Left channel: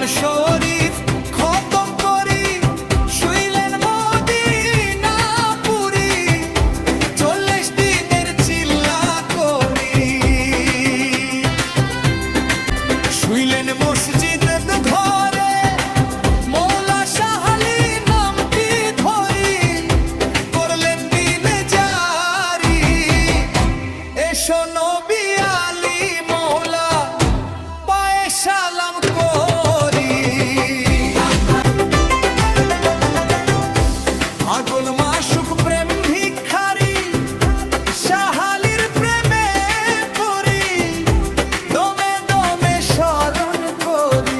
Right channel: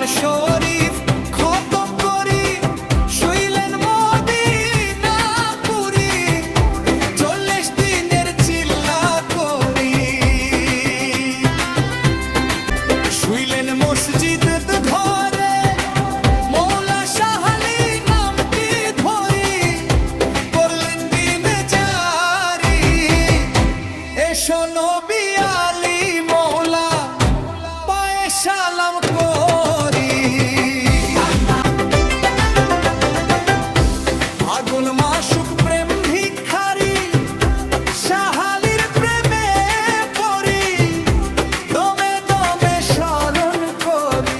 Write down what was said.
জীবন শরীফ খতম করি, শুইলেন মদিনা পুরি, 40 দিনের চিল্লা করি। শুইলেন মসজিদ ঘরে, মৌলা শাহ আলী নামটি ধরি, করলেন দিন জারি। এসো নবী আলী মৌলা পায়ে সালাম করি। আগুন মাসুক প্রেম ভিখারি, শাহ আলীর প্রেমে পড়ি, দমে দমে স্মরণ করি।